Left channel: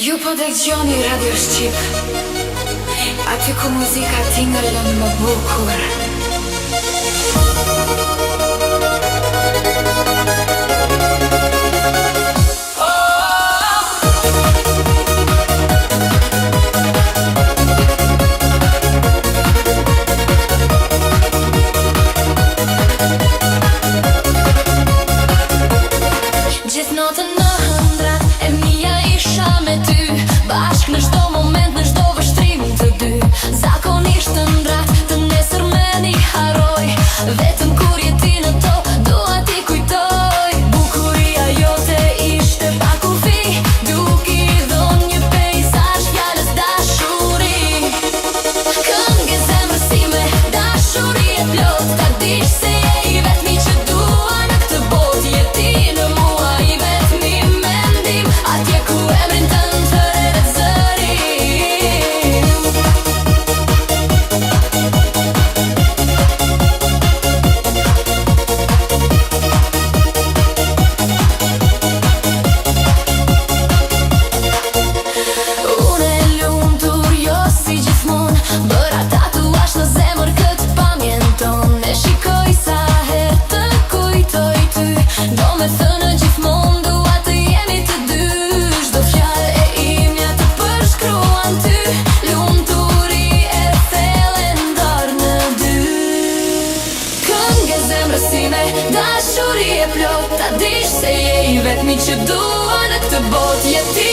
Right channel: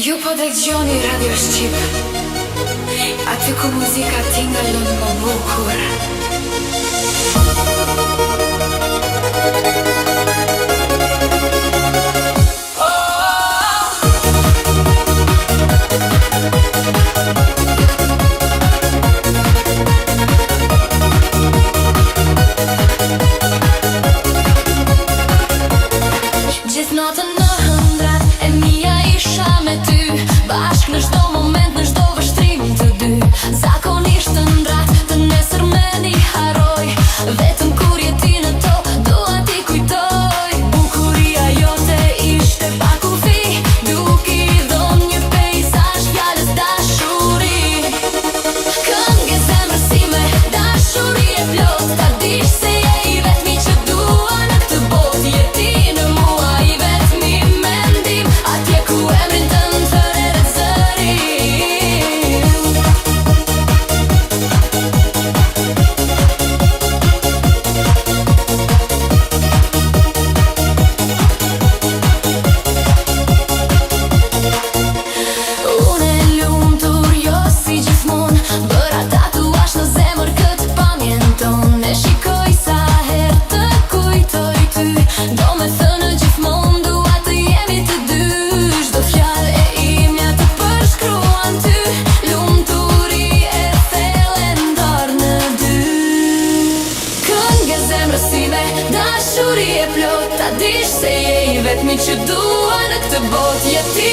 Ju po dëgjoni Radio Shqip, aty ku muzika tingëllon më bukur. Gjithë natën në hëndrat e mia isha me ty, bashk në çdo moment, në çdo vështrim të dy. Zakonisht të ndrat, të nesër me një haroj, vetëm kur je ti në to, dua t'i kujtoj. Bukuria jote ishte pa kufi, duke i dhënë një peizazh fjalës dashuri. Këngë zemrës time, dashuri e plot, ta dish se je i vetmi që dua në këtë botë. Je ti në mua, i vetmi mendim, atje ku emrin tënd thërret zërim. Unë e lumtur, jo si gjithmonë, bëra tatuazh në zemër këtë pamjen tonë. E shikoj sa herë të kujtoj ty, do me thënë gjithmonë dua të jemi të dy. Çdo fjalë e imja të përshkruan ty, lumturi e thellë ndar në dy. Këngë e zemrës time, dashuri e plot, ta dish se je i vetmi që dua në këtë botë. Je ti